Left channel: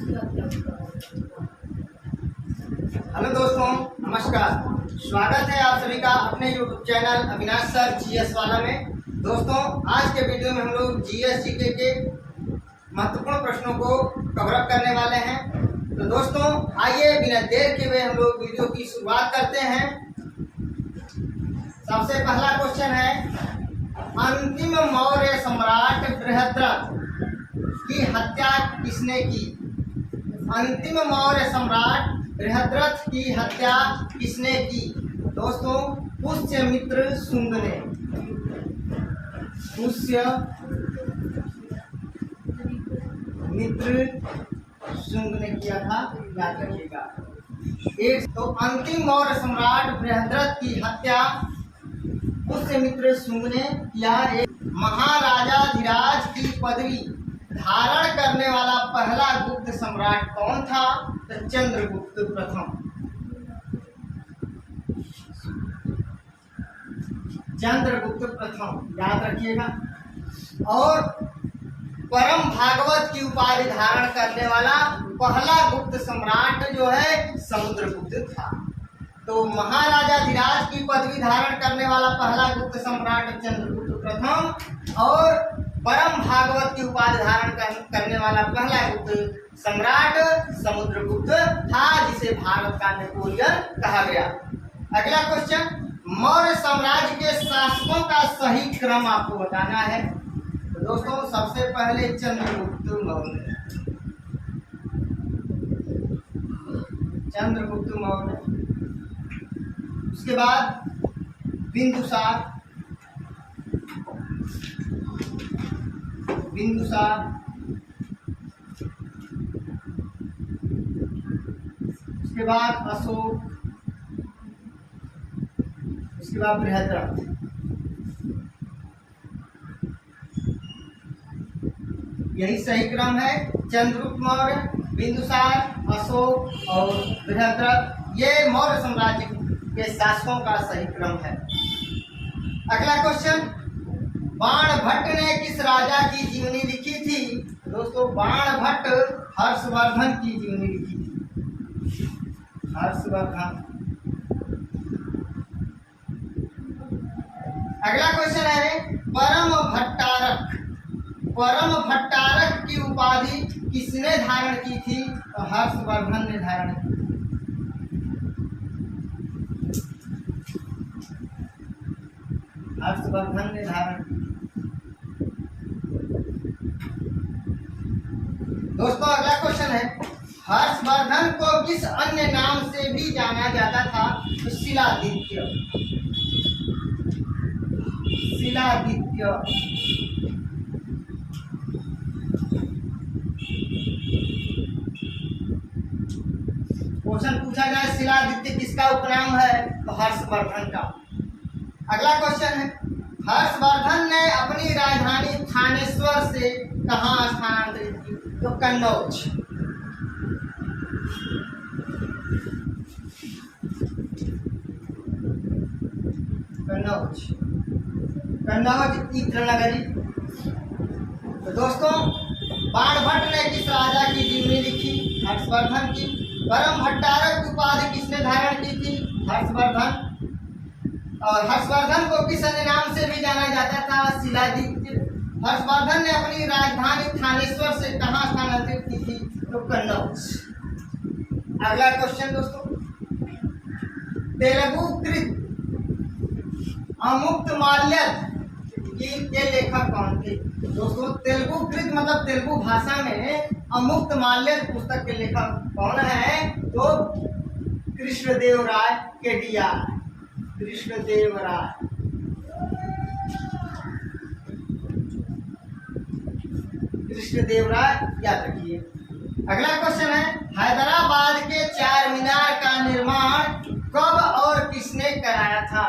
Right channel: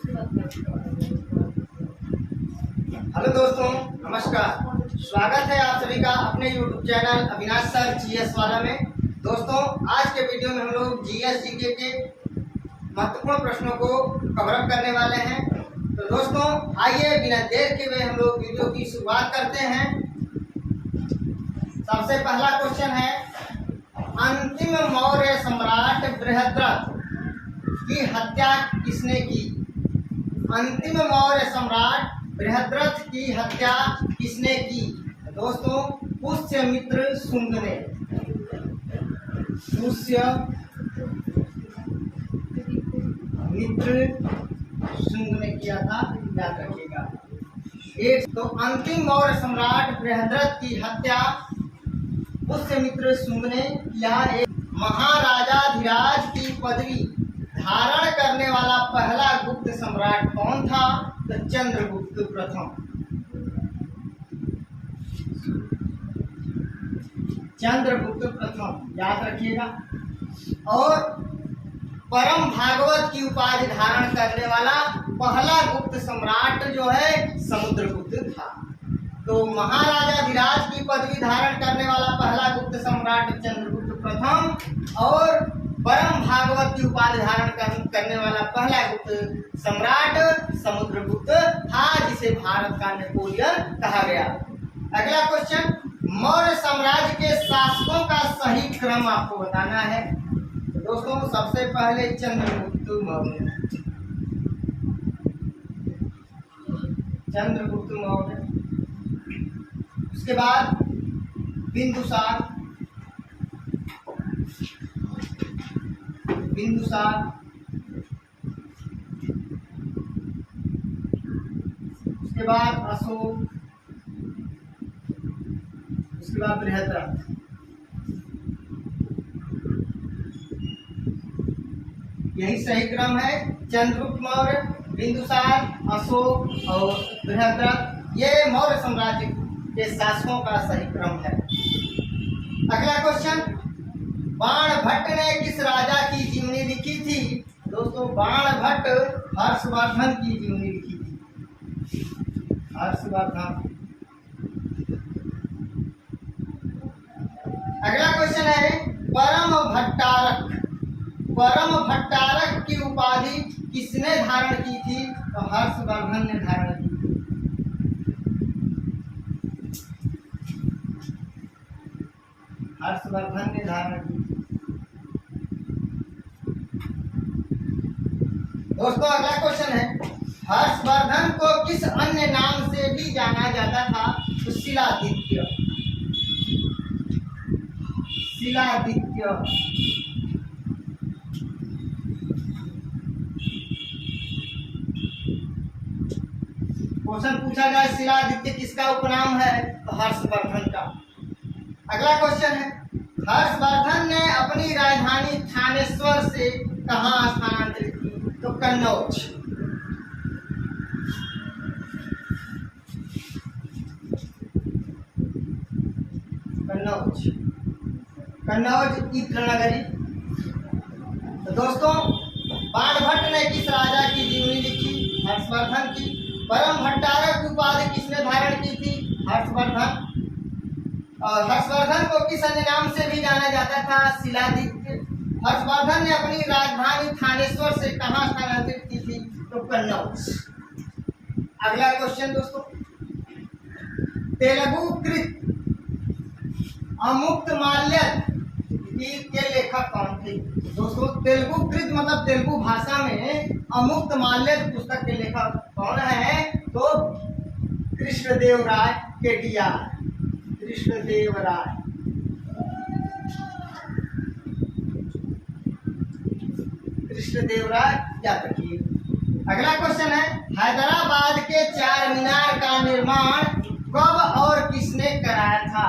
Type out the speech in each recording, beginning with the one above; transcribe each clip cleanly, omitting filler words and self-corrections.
Hello दोस्तों, नमस्कार। स्वागत है आप सभी का अपने YouTube channel Avinash sir GS वाला में। दोस्तों, आज के वीडियो में हम लोग जीएस जीके के महत्वपूर्ण प्रश्नों को कवर अप करने वाले हैं। तो दोस्तों, आइए बिना देर के हुए हम लोग वीडियो की शुरुआत करते हैं। सबसे पहला क्वेश्चन है, अंतिम मौर्य सम्राट बृहद्रथ की हत्या किसने की? अंतिम मौर्य सम्राट बृहद्रथ की हत्या किसने की? दोस्तों, पुष्यमित्र शुंग ने। पुष्यमित्र शुंग ने किया था, याद रखिएगा। एक तो अंतिम मौर्य सम्राट बृहद्रथ की हत्या पुष्यमित्र शुंग ने किया। एक महाराजाधिराज की पदवी धारण करने वाला पहला गुप्त सम्राट कौन था? तो चंद्रगुप्त प्रथम। चंद्रगुप्त प्रथम, याद रखिएगा। और परम भागवत की उपाधि धारण करने वाला पहला गुप्त सम्राट जो है समुद्रगुप्त था। तो महाराजाधिराज की पदवी धारण करने वाला पहला गुप्त सम्राट चंद्रगुप्त प्रथम और परम भागवत की उपाधि धारण करने वाला पहला गुप्त सम्राट समुद्रगुप्त था, जिसे भारत का नेपोलियन कहा गया। अगला क्वेश्चन, मौर्य साम्राज्य के शासकों का सही क्रम आपको बताना है। तो दोस्तों, सबसे पहले चंद्रगुप्त मौर्य। चंद्रगुप्त मौर्य, उसके बाद बिंदुसार। उसके बाद अशोक, उसके बाद बृहद्रथ। यही सही क्रम है। चंद्रगुप्त मौर्य, बिंदुसार, अशोक और बृहद्रथ, ये मौर्य साम्राज्य के शासकों का सही क्रम है। अगला क्वेश्चन, बाणभट्ट ने किस राजा की जीवनी लिखी थी? दोस्तों, बाणभट्ट हर्षवर्धन की जीवनी लिखी थी। हर्षवर्धन। अगला क्वेश्चन है, परम भट्टारक की उपाधि किसने धारण की थी? तो हर्षवर्धन ने धारण की थी। हर्षवर्धन ने धारण की। दोस्तों, अगला क्वेश्चन है, हर्षवर्धन को किस अन्य नाम से भी जाना जाता था? तो शिलादित्य। क्वेश्चन पूछा जाए शिलादित्य किसका उपनाम है? तो हर्षवर्धन का। अगला क्वेश्चन है, हर्षवर्धन ने अपनी राजधानी थानेश्वर से कहाँ स्थानांतरित की? तो कन्नौज। इत्र नगरी। तो दोस्तों, बाणभट्ट ने किस राजा की जीवनी लिखी? हर्षवर्धन की। परम भट्टारक की उपाधि किसने धारण की थी? हर्षवर्धन। और हर्षवर्धन को किस अन्य नाम से भी जाना जाता था? शिलादित्य। हर्षवर्धन ने अपनी राजधानी थानेश्वर से कहाँ स्थानांतरित की थी? तो कन्नौज। अगला क्वेश्चन दोस्तों, तेलुगुकृत अमुक्तमाल्यद के लेखक कौन थे? दोस्तों, तेलुगुकृत मतलब तेलुगु भाषा में अमुक्तमाल्यद पुस्तक के लेखक कौन है? तो कृष्णदेवराय केडियार। कृष्णदेवराय, याद रखिए। अगला क्वेश्चन है, हैदराबाद के चार मीनार का निर्माण कब और किसने कराया था?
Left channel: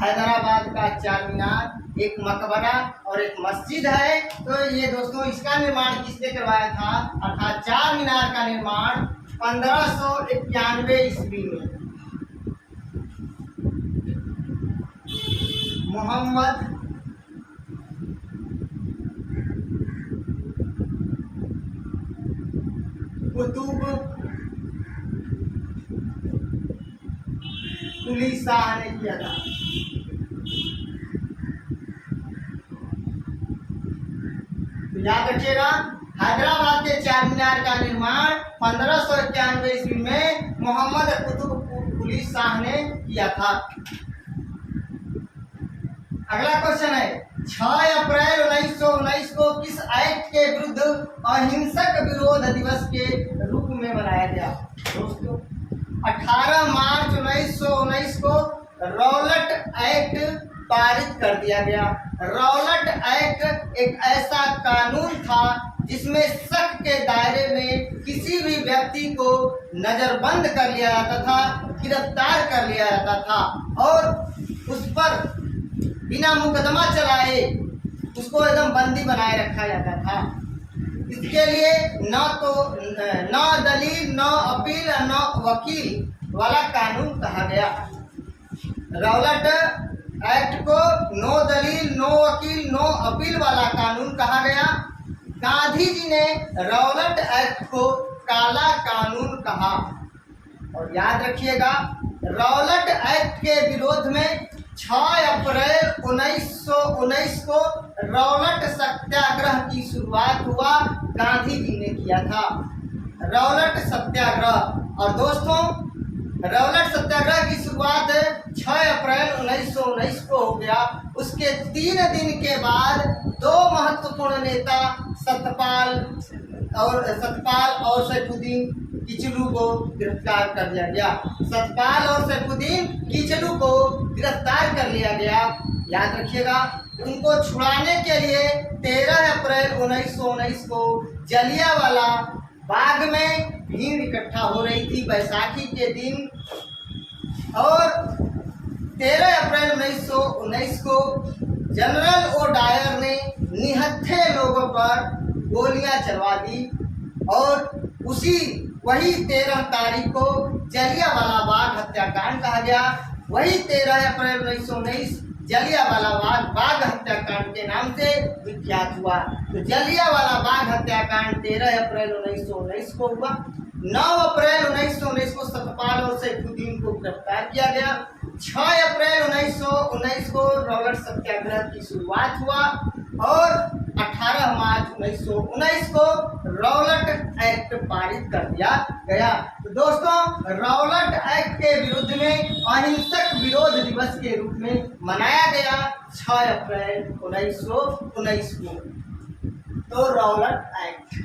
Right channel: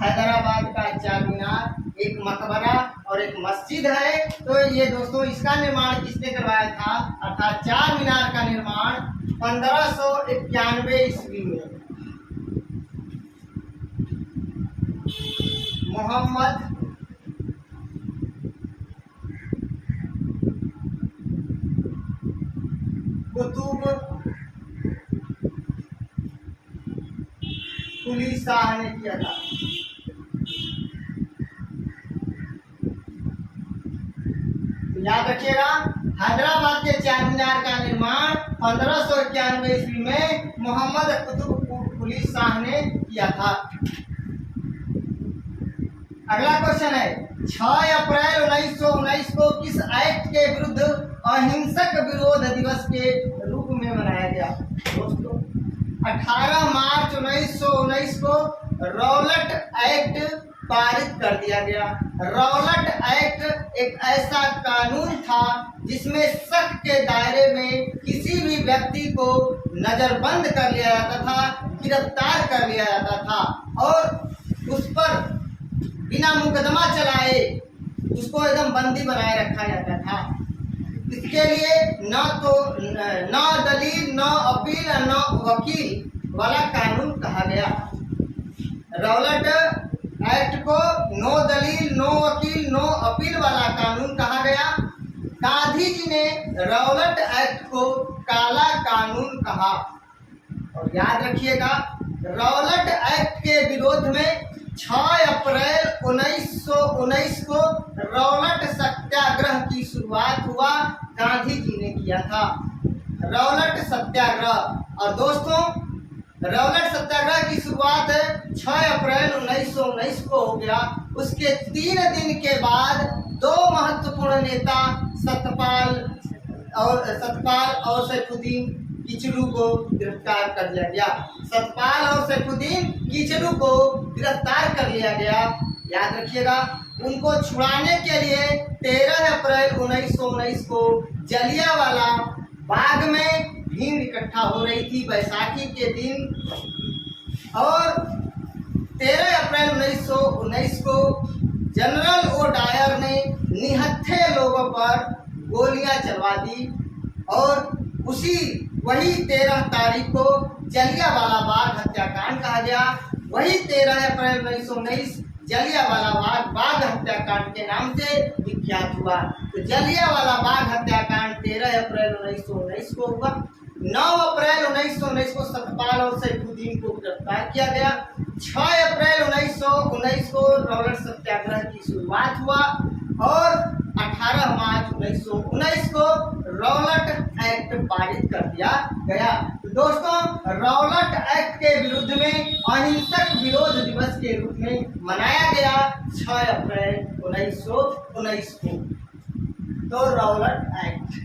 हैदराबाद का चार मीनार, एक मकबरा और एक मस्जिद है। तो ये दोस्तों, इसका निर्माण किसने करवाया था? अर्थात चार मीनार का निर्माण 1591 ईस्वी में मोहम्मद कुतुब कुली शाह ने किया था। तो याद रखिएगा, हैदराबाद के चार मीनार का निर्माण 1591 ईस्वी में मोहम्मद कुतुब कुली शाह ने किया था। अगला क्वेश्चन है, 6 अप्रैल 1919 को किस एक्ट के विरुद्ध अहिंसक विरोध दिवस के रूप में मनाया गया? दोस्तों, 18 मार्च 1919 को रौलट एक्ट पारित कर दिया गया। रौलट एक्ट एक ऐसा कानून था जिसमें शक के दायरे में किसी भी व्यक्ति को नजरबंद कर लिया जाता था, गिरफ्तार कर लिया जाता था और उस पर बिना मुकदमा चलाए उसको एकदम बंदी बनाए रखा जाता था। इसके लिए न दलील, न अपील, न वकील वाला कानून कहा गया। रौलट एक्ट को नो दलील, नो वकील, नो अपील वाला कानून कहा गया। गांधी जी ने रौलट एक्ट को काला कानून कहा। और याद रखिएगा, रौलट एक्ट के विरोध में 6 अप्रैल 1919 को रौलट सत्याग्रह की शुरुआत हुआ, गांधी जी ने किया था रौलट सत्याग्रह। और दोस्तों, रौलट सत्याग्रह की शुरुआत 6 अप्रैल 1919 को हो गया। उसके 3 दिन के बाद 2 महत्वपूर्ण नेता सतपाल और सैफुद्दीन किचलू को गिरफ्तार कर लिया गया। सतपाल और सैफुद्दीन किचलू को गिरफ्तार कर लिया गया। याद रखिएगा, उनको छुड़ाने के लिए 13 अप्रैल 1919 को जलियांवाला बाग में भीड़ इकट्ठा हो रही थी बैसाखी के दिन। और 13 अप्रैल 1919 को जनरल ओ डायर ने निहत्थे लोगों पर गोलियां चलवा दी और वही 13 तारीख को जलियांवाला बाग हत्याकांड कहा गया। वही 13 अप्रैल 1919 जलियांवाला बाग हत्याकांड के नाम से विख्यात हुआ। तो जलियांवाला बाग हत्याकांड 13 अप्रैल 1919 को हुआ। 9 अप्रैल 1919 को सतपाल और सैफुद्दीन को गिरफ्तार किया गया। 6 अप्रैल 1919 को रौलट सत्याग्रह की शुरुआत हुआ और 18 मार्च 1919 को रौलट एक्ट पारित कर दिया गया। तो दोस्तों, रौलट एक्ट के विरुद्ध में अहिंसक विरोध दिवस के रूप में मनाया गया 6 अप्रैल 1919 को। तो रौलट एक्ट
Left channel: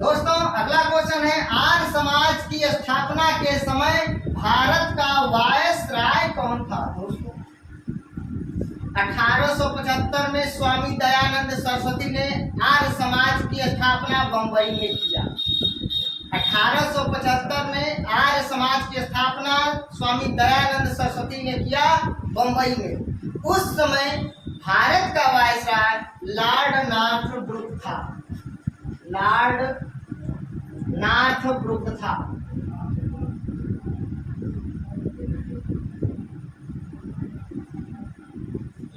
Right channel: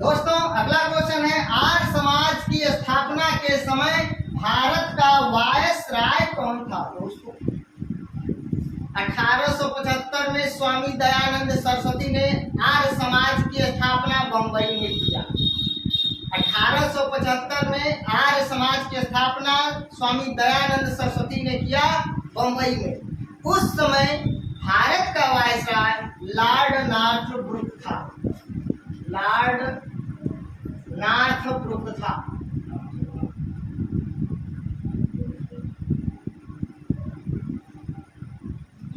दोस्तों, अगला क्वेश्चन है, आर्य समाज की स्थापना के समय भारत का वायसराय कौन था? दोस्तों, 1875 में स्वामी दयानंद सरस्वती ने आर्य समाज की स्थापना बंबई में किया। 1875 में आर्य समाज की स्थापना स्वामी दयानंद सरस्वती ने किया बंबई में। उस समय भारत का वायसराय लॉर्ड नॉर्थब्रुक था। लॉर्ड नॉर्थब्रुक था।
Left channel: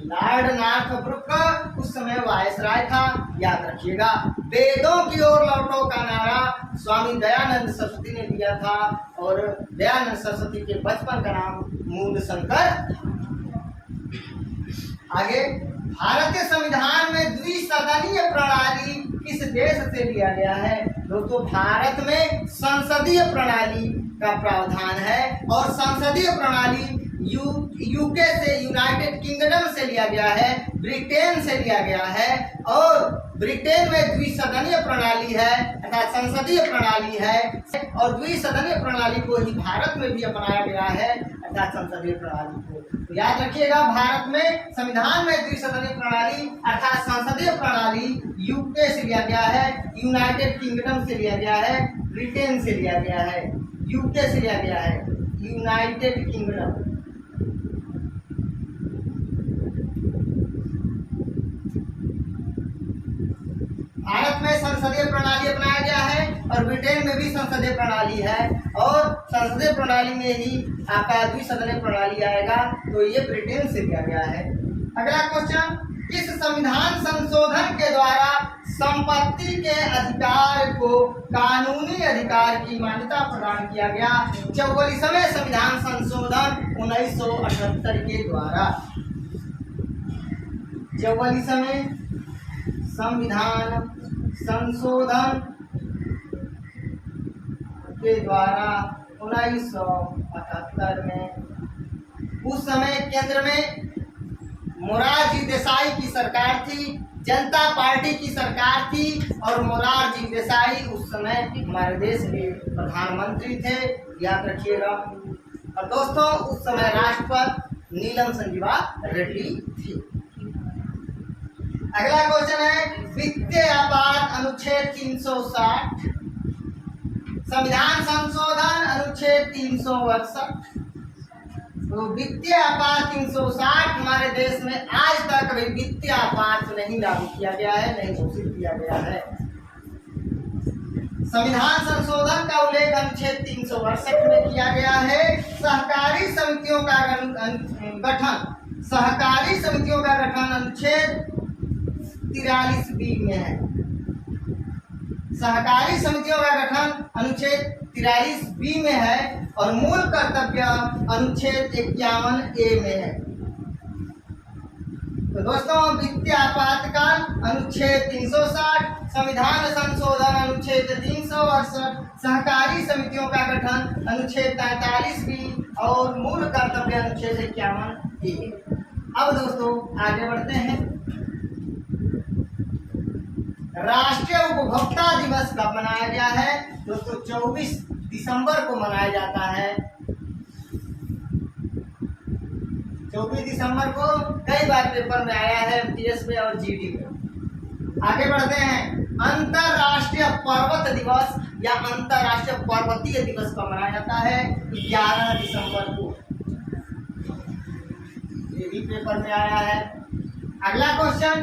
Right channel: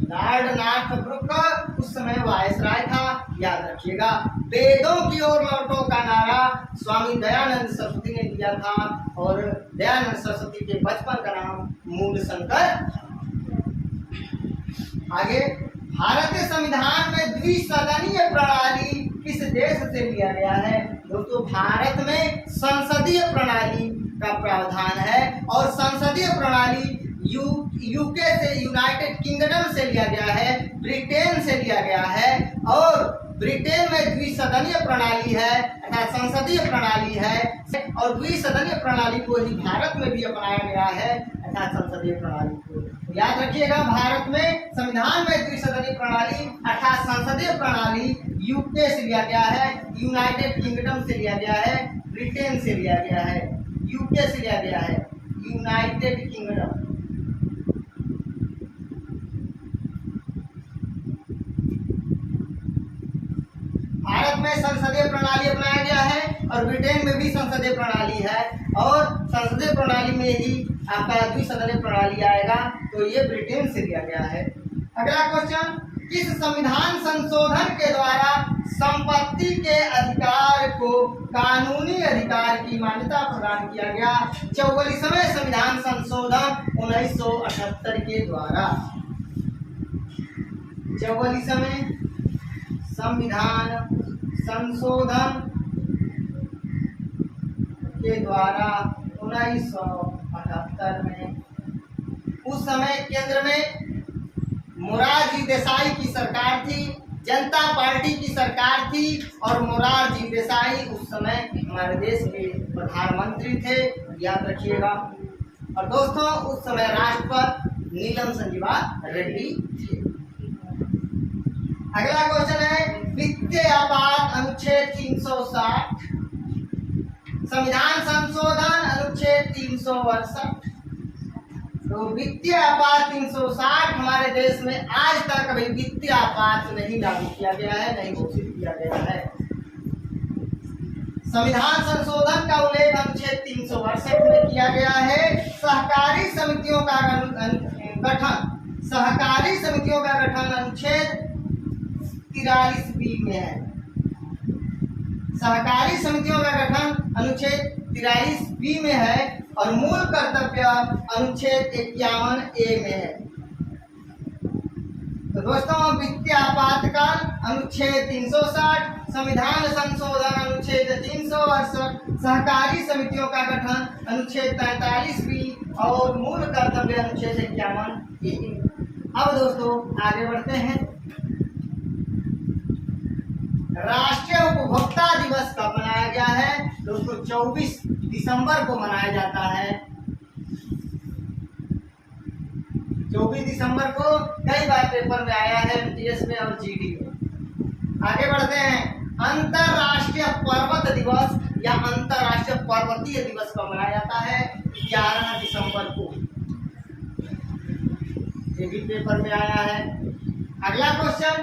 लॉर्ड नॉर्थब्रुक उस समय वायसराय था। याद रखिएगा, वेदों की ओर लौटो का नारा स्वामी दयानंद सरस्वती ने दिया था और दयानंद सरस्वती के बचपन का नाम मूल शंकर था। आगे, भारतीय संविधान में द्विसदनीय प्रणाली किस देश से लिया गया है? दोस्तों, भारत में संसदीय प्रणाली का प्रावधान है और संसदीय प्रणाली यूके से, यूनाइटेड किंगडम से लिया गया है, ब्रिटेन से लिया गया है। और ब्रिटेन में द्विसदनीय प्रणाली है अर्थात संसदीय प्रणाली है और द्विसदनीय प्रणाली को ही भारत में भी अपनाया गया है अर्थात संसदीय प्रणाली को। तो याद रखिएगा, भारत में संविधान में द्विसदनीय प्रणाली अर्थात संसदीय प्रणाली यूके से लिया गया है, यूनाइटेड किंगडम से लिया गया है, ब्रिटेन से लिया गया है, यूके से लिया गया है, यूनाइटेड किंगडम। भारत में संसदीय प्रणाली अपनाया गया है और ब्रिटेन में भी संसदीय प्रणाली है और संसदीय प्रणाली में ही आपका द्विसदनीय प्रणाली आएगा। तो ये ब्रिटेन से लिया गया है। अगला क्वेश्चन, किस संविधान संशोधन के द्वारा संपत्ति के अधिकार को कानूनी अधिकार की मान्यता प्रदान किया गया? 44वें संविधान संशोधन 1978 के द्वारा। 44वें संविधान संशोधन के द्वारा 1978 में, उस समय केंद्र में मोरारजी देसाई की सरकार थी, जनता पार्टी की सरकार थी और मोरारजी देसाई उस समय हमारे देश के प्रधानमंत्री थे, याद रखिएगा। और दोस्तों उस समय राष्ट्रपति नीलम संजीवा रेड्डी थे। अगला क्वेश्चन है, वित्तीय आपात अनुच्छेद 360, संविधान संशोधन अनुच्छेद 362। तो वित्तीय आपात 360 हमारे देश में आज तक कभी वित्तीय आपात नहीं लागू किया गया है, नहीं घोषित किया गया है। संविधान संशोधन का उल्लेख अनुच्छेद 362 में किया गया है। सहकारी समितियों का गठन, सहकारी समितियों का गठन अनुच्छेद 43B में है। सहकारी समितियों का गठन अनुच्छेद 43B में है और मूल कर्तव्य अनुच्छेद 51A में है। तो दोस्तों वित्तीय आपातकाल अनुच्छेद 360, संविधान संशोधन अनुच्छेद 362, सहकारी समितियों का गठन अनुच्छेद 43B और मूल कर्तव्य अनुच्छेद 51A। अब दोस्तों आगे बढ़ते हैं। राष्ट्रीय उपभोक्ता दिवस कब मनाया गया है? दोस्तों 24 दिसंबर को मनाया जाता है। 24 दिसंबर को कई बार पेपर में आया है, एमटीएस में और जीडी में। आगे बढ़ते हैं। अंतरराष्ट्रीय पर्वत दिवस या अंतरराष्ट्रीय पर्वतीय दिवस कब मनाया जाता है? 11 दिसंबर को, ये भी पेपर में आया है। अगला क्वेश्चन,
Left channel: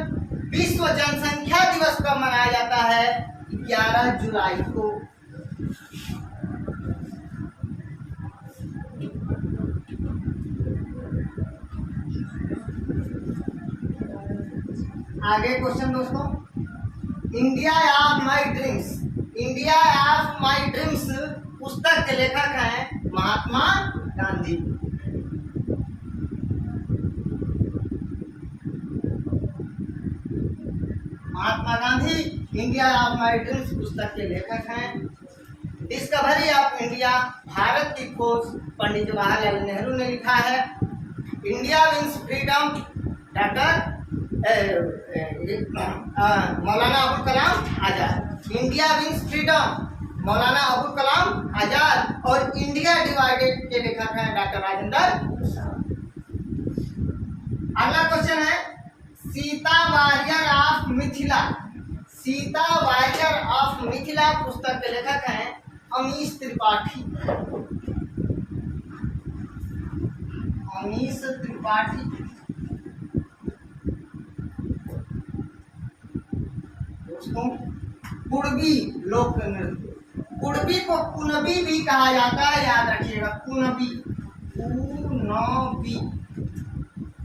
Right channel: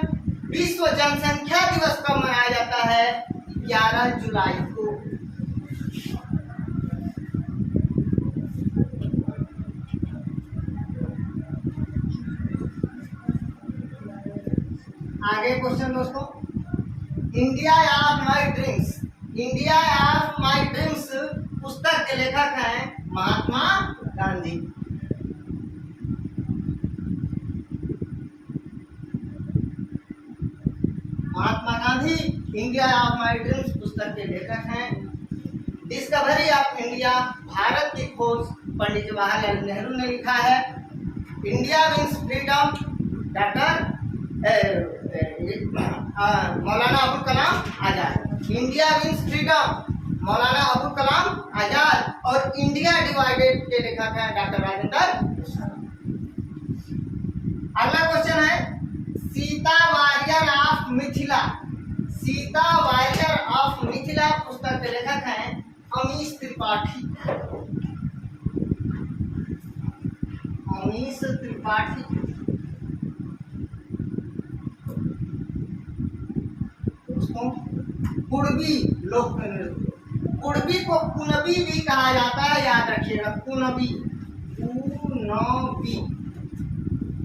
विश्व जनसंख्या दिवस कब मनाया जाता है? 11 जुलाई को। आगे क्वेश्चन दोस्तों, India of my dreams, India of my dreams पुस्तक के लेखक हैं Mahatma Gandhi. Mahatma Gandhi India of my dreams पुस्तक के लेखक हैं। डिस्कवरी ऑफ इंडिया, भारत की खोज, पंडित जवाहरलाल नेहरू ने लिखा है। India wins freedom, doctor Maulana Abul Kalam Azad. India wins freedom, Maulana Abul Kalam Azad. और इंडिया डिवाइडेड के लेखक हैं डॉक्टर राजेंद्र प्रसाद। अगला क्वेश्चन है, Sita warrior of Mithila, Sita warrior of Mithila पुस्तक के लेखक हैं अमीश त्रिपाठी। अमीश त्रिपाठी। दोस्तों कुणबी लोक नृत्य, कुणबी को कुणबी भी कहा जाता है, याद रखिएगा, कुणबी, कुणबी,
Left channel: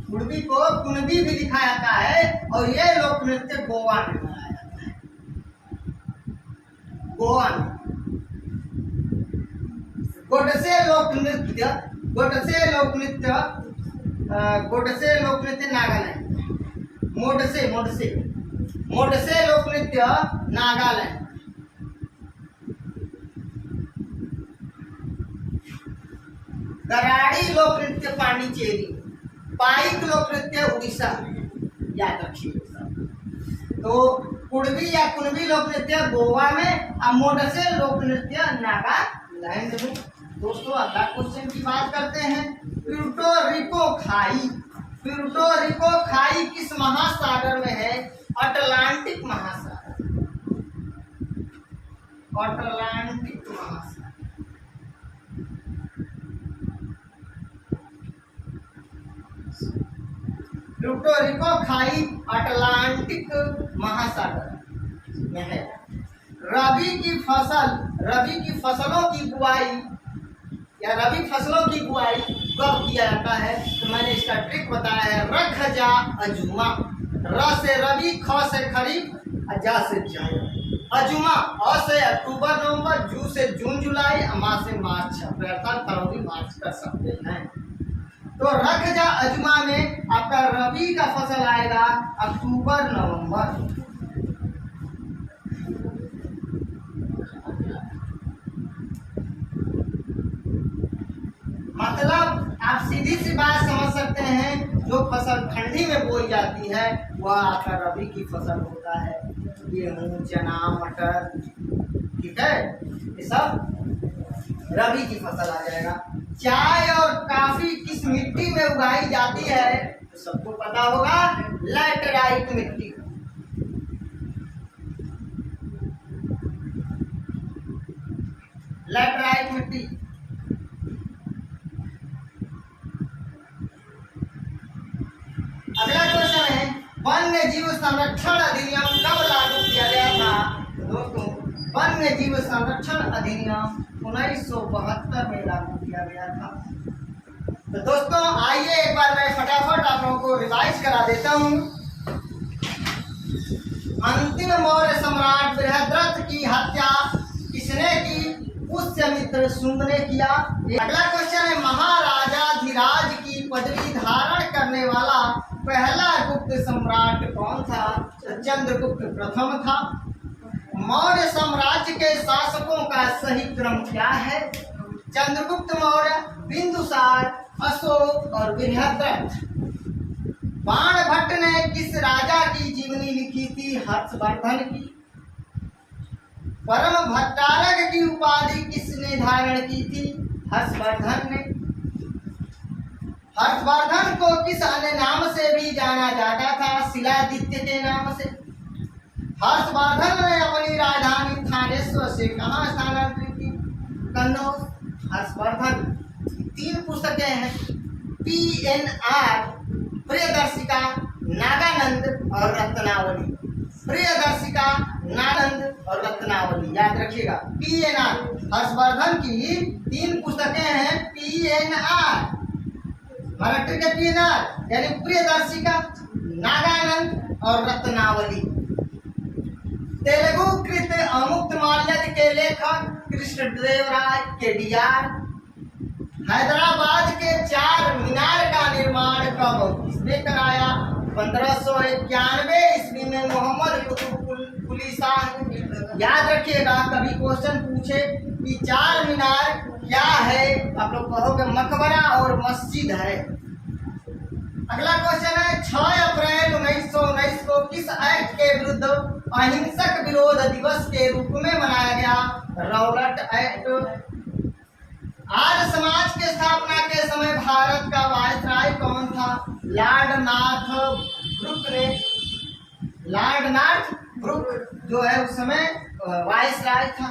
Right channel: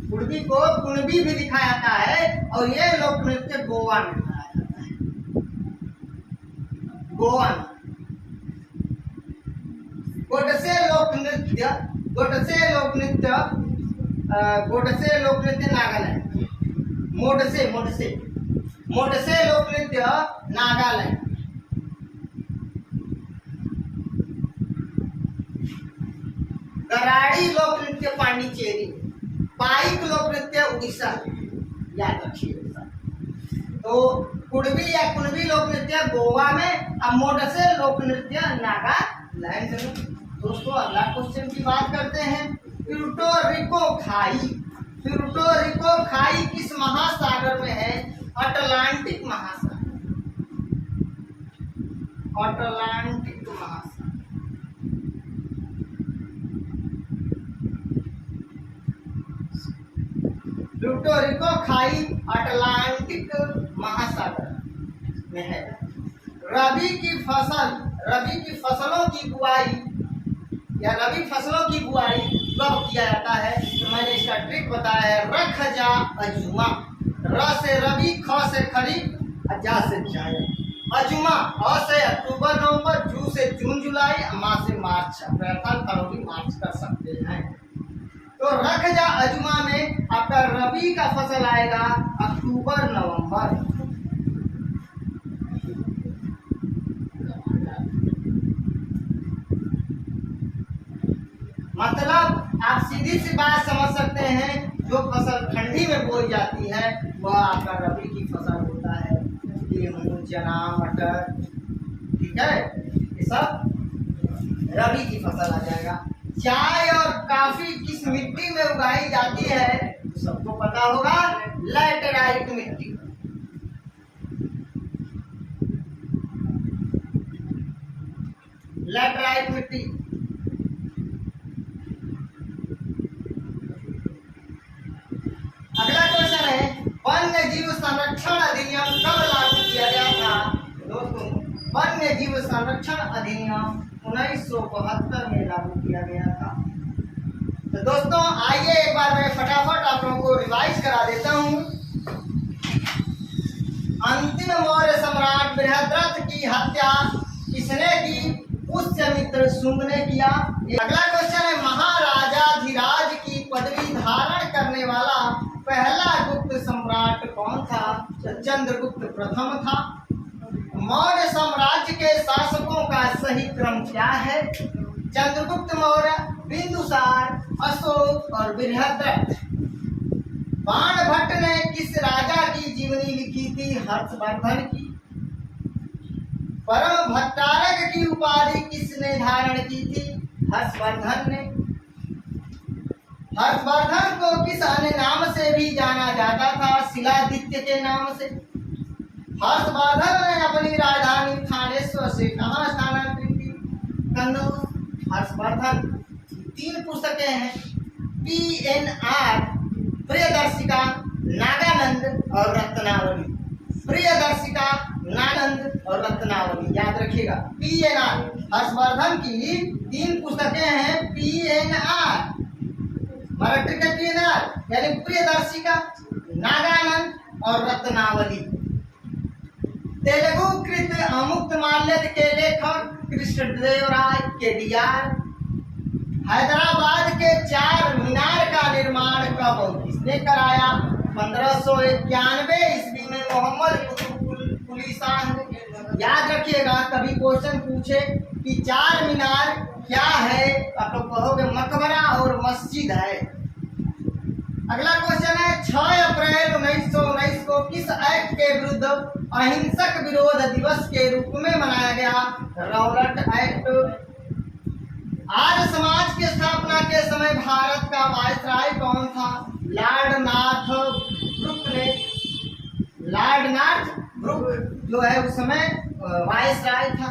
कुणबी को कुणबी भी लिखा जाता है। और ये लोक नृत्य गोवा में मनाया जाता है, गोवा में। गोडसे लोक नृत्य, गोडसे लोक नृत्य, गोडसे लोक नृत्य नागालैंड। मोडसे, मोडसे, मोडसे लोक नृत्य नागालैंड। गराड़ी लोक नृत्य पांडिचेरी। पाइक लोक नृत्य उड़ीसा, याद रखिएगा। तो कुणबी या कुणबी लोक नृत्य गोवा में, और मोडसे लोक नृत्य नागालैंड में। दोस्तों अगला क्वेश्चन की बात करते हैं। प्यूर्टो रिको खाई, प्यूर्टो रिको खाई किस महासागर में है? अटलांटिक महासागर, अटलांटिक महासागर। प्यूर्टो रिको खाई अटलांटिक महासागर में है। रबी की फसल, रबी की फसलों की बुआई या रबी फसलों की बुआई कब किया जाता है, तो मैंने इसका ट्रिक बताया है। रख जा अजुमा, र से रवि, ख से खरीफ, जा से जायद। अजुमा, अ से अक्टूबर नवंबर, जू से जून जुलाई, मा से मार्च अप्रैल फरवरी मार्च कर सकते हैं। तो रख जा अजुमा में आपका रबी का फसल आएगा अक्टूबर नवंबर। मतलब आप सीधी सी बात समझ सकते हैं, जो फसल ठंडी में बोई जाती है वह आपका रबी की फसल होता है। गेहूं, चना, मटर, ठीक है, ये सब रबी की फसल आ जाएगा। चाय और कॉफी किस मिट्टी में उगाई जाती है, तो सबको पता होगा, लैटेराइट मिट्टी। लैटेराइट मिट्टी। अगला क्वेश्चन है, वन्य जीव संरक्षण अधिनियम कब लागू किया गया था? दोस्तों, वन्य जीव संरक्षण अधिनियम 1972 में लागू किया गया था। तो दोस्तों आइए एक बार मैं फटाफट आप लोगों को रिवाइज करा देता हूँ। अंतिम मौर्य सम्राट बृहद्रथ की हत्या किसने की? पुष्यमित्र शुंग ने किया। अगला क्वेश्चन है, महाराजाधिराज की पदवी धारण करने वाला पहला गुप्त सम्राट कौन था? तो चंद्रगुप्त प्रथम था। मौर्य साम्राज्य के शासकों का सही क्रम क्या है? चंद्रगुप्त मौर्य, बिंदुसार, अशोक और बृहद्रथ। बाणभट्ट ने किस राजा की जीवनी लिखी थी? हर्षवर्धन की। परम भट्टारक की उपाधि किसने धारण की थी? हर्षवर्धन ने। हर्षवर्धन को किस अन्य नाम से भी जाना जाता था? शिलादित्य के नाम से। हर्षवर्धन ने अपनी राजधानी थानेश्वर से कहाँ स्थानांतरित की? कन्नौज। हर्षवर्धन 3 पुस्तकें हैं, PNR, प्रियदर्शिका, नागानंद और रत्नावली। प्रियदर्शिका, नागानंद और रत्नावली, याद रखिएगा। PNR हर्षवर्धन की 3 पुस्तकें हैं, PNR मराठी के PNR यानी प्रियदर्शिका, नागानंद और रत्नावली। तेलुगु कृत अमुक्तमाल्यद के लेखक कृष्णदेवराय KDR। हैदराबाद के 4 मीनार का निर्माण कब और किसने कराया? 1591 ईस्वी में मोहम्मद कुतुब शाह ने। याद रखिएगा, कभी क्वेश्चन पूछे कि 4 मीनार क्या है, आप लोग कहोगे मकबरा और मस्जिद है। अगला क्वेश्चन है, 6 अप्रैल 1919 को किस एक्ट के विरुद्ध अहिंसक विरोध दिवस के रूप में मनाया गया? Robert act. आर्य समाज की स्थापना के समय भारत का वायसराय कौन था? लॉर्ड नॉर्थ ब्रुक ने। लॉर्ड नॉर्थ ब्रुक जो है उस समय वायसराय था।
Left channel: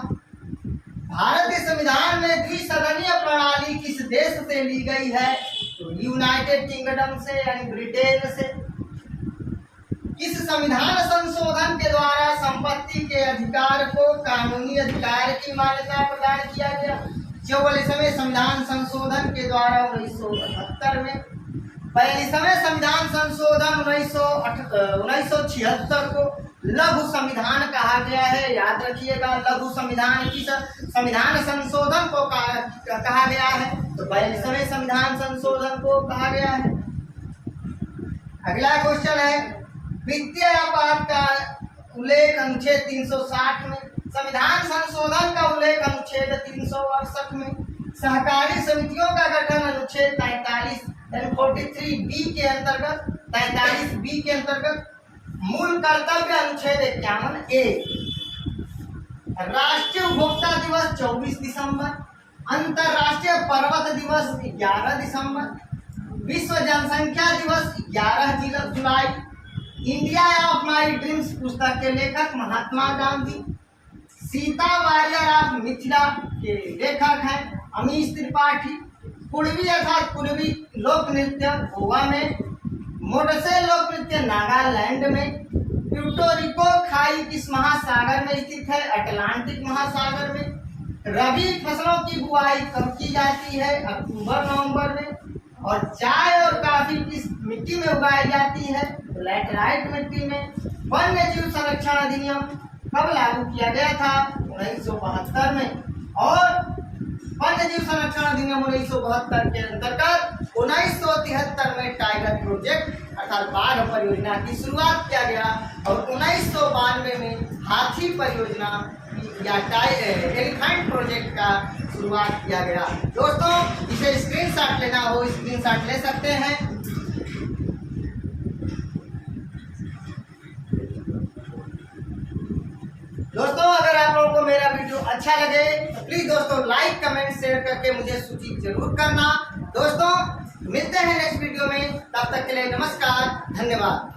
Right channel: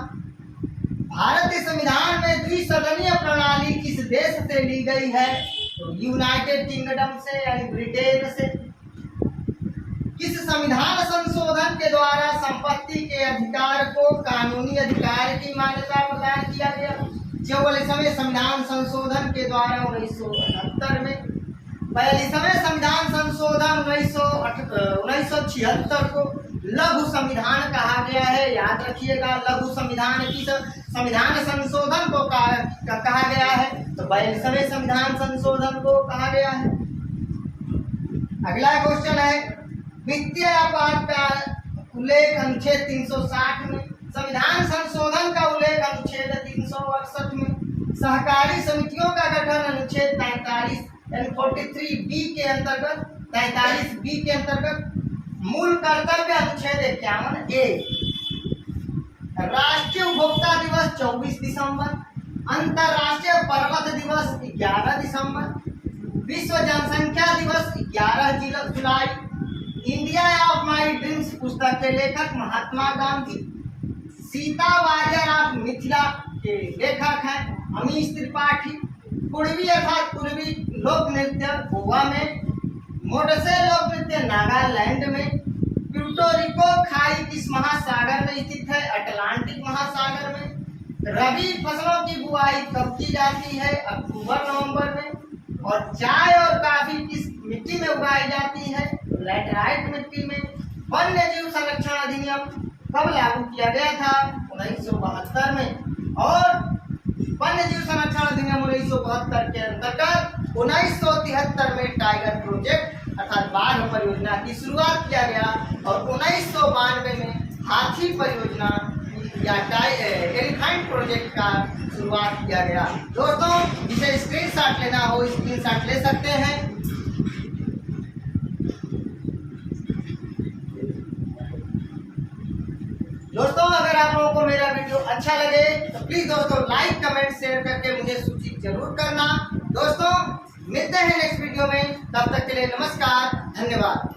भारतीय संविधान में द्विसदनीय प्रणाली किस देश से ली गई है? तो यूनाइटेड किंगडम से यानी ब्रिटेन से। किस संविधान संशोधन के द्वारा संपत्ति के अधिकार को कानूनी अधिकार की मान्यता प्रदान किया गया? 44वें संविधान संशोधन के द्वारा 1978 में। 42वें संविधान संशोधन 1976 को लघु संविधान कहा गया है। याद रखिएगा, लघु संविधान किस संविधान संशोधन को कहा गया है? तो 42वें संविधान संशोधन को कहा गया है। अगला क्वेश्चन है, वित्तीय आपात का उल्लेख अनुच्छेद 360 में। संविधान संशोधन का उल्लेख अनुच्छेद 368 में। सहकारी समितियों का गठन अनुच्छेद 43 यानी 43B के अंतर्गत, 43B के अंतर्गत। मूल कर्तव्य अनुच्छेद 51A। राष्ट्रीय उपभोक्ता दिवस 24 दिसंबर। अंतरराष्ट्रीय पर्वत दिवस 11 दिसंबर। विश्व जनसंख्या दिवस 11 जुलाई। इंडिया ऑफ माई ड्रीम्स पुस्तक के लेखक महात्मा गांधी। सीता वारियर ऑफ मिथिला के लेखक हैं अमीश त्रिपाठी। पूर्वी अर्थात पूर्वी लोक नृत्य गोवा में। मोडसे लोक नृत्य नागालैंड में। प्यूर्टो खाई किस महासागर में स्थित है? अटलांटिक महासागर में। रबी फसलों की बुआई कब की जाती है? अक्टूबर नवंबर में। और चाय और काफी किस मिट्टी में उगाई जाती है? तो लैटराइट मिट्टी में। वन्य जीव संरक्षण अधिनियम कब लागू किया गया था? 1972 में। और वन्य जीव संरक्षण अधिनियम 1972 के अंतर्गत 1973 में टाइगर प्रोजेक्ट अर्थात बाघ परियोजना की शुरुआत किया गया और 1992 में हाथी परियोजना या एलिफेंट प्रोजेक्ट का शुरुआत किया गया। दोस्तों, जिसे स्क्रीनशॉट लेना हो स्क्रीनशॉट ले सकते हैं। दोस्तों, अगर आप लोगों को मेरा वीडियो अच्छा लगे तो प्लीज दोस्तों लाइक कमेंट शेयर करके मुझे सूचित जरूर करना। दोस्तों, मिलते हैं नेक्स्ट वीडियो में, तब तक के लिए नमस्कार, धन्यवाद।